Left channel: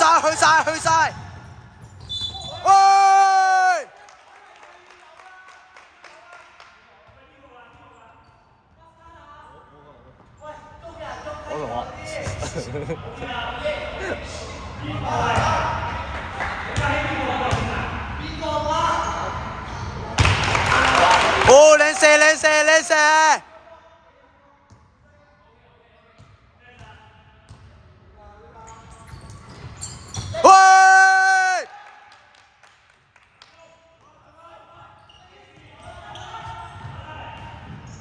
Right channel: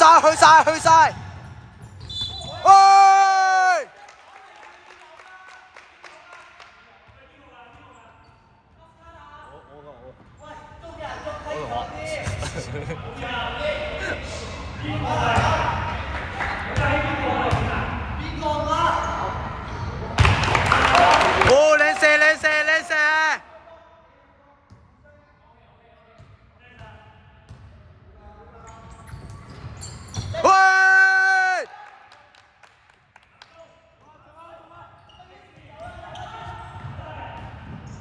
晒！喂！哦，靚射！喂！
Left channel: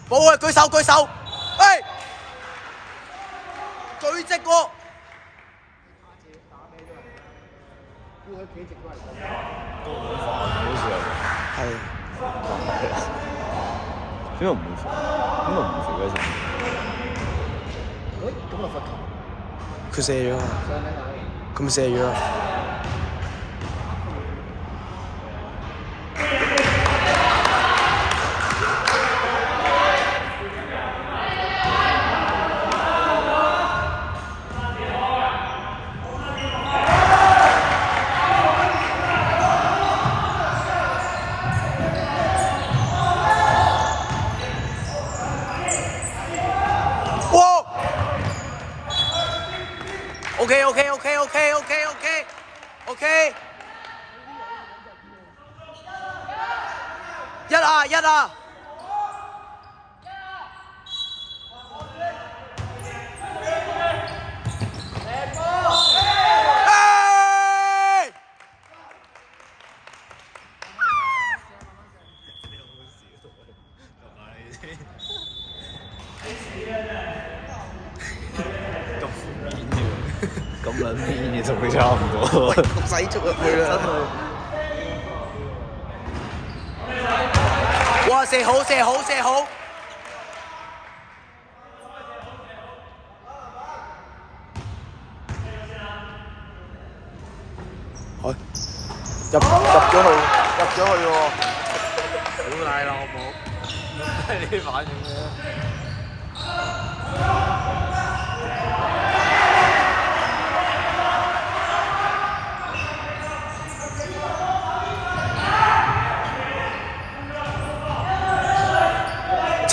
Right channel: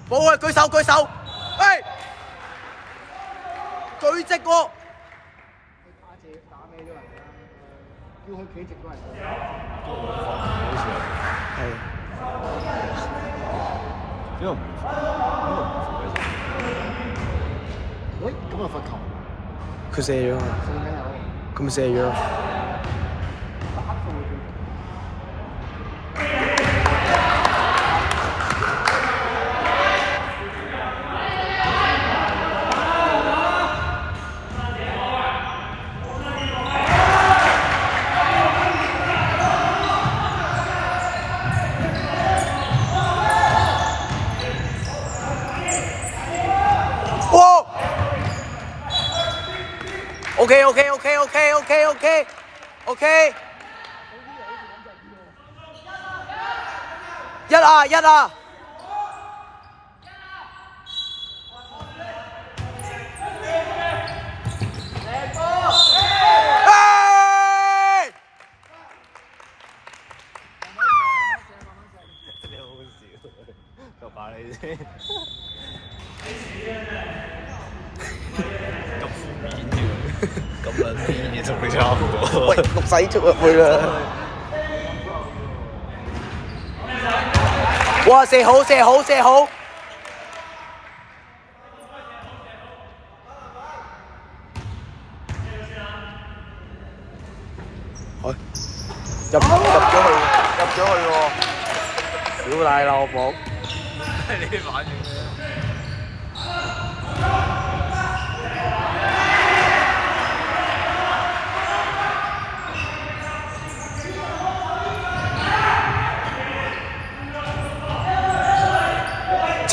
冇啊！舉手！喂！舉直喎！係。邊個唔罰嗰時？咁啊罰球。佢射咗啊！佢咪射咗啊！哇 ！OK， 一啊！就把你先。咁撚偏嘅同佢差唔多。喂，六仔捉入去啦！哇！射好！入咗去喎！屌大老母！你啲反應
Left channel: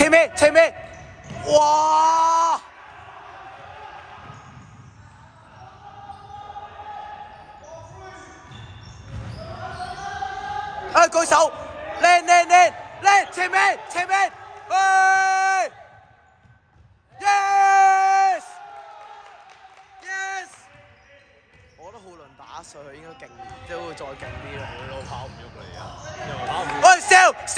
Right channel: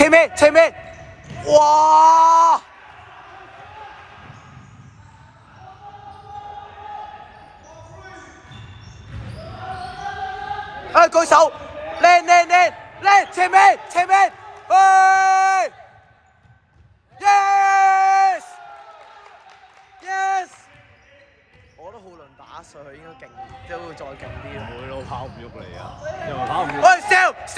咩？前面！哇！舉手！靚！前面！喂 ！Yes！ 我覺得浩倫打上去應該勁，即係會再勁啲咯。你都跑唔喐嚟㗎，因為跑唔喐。喂，笑！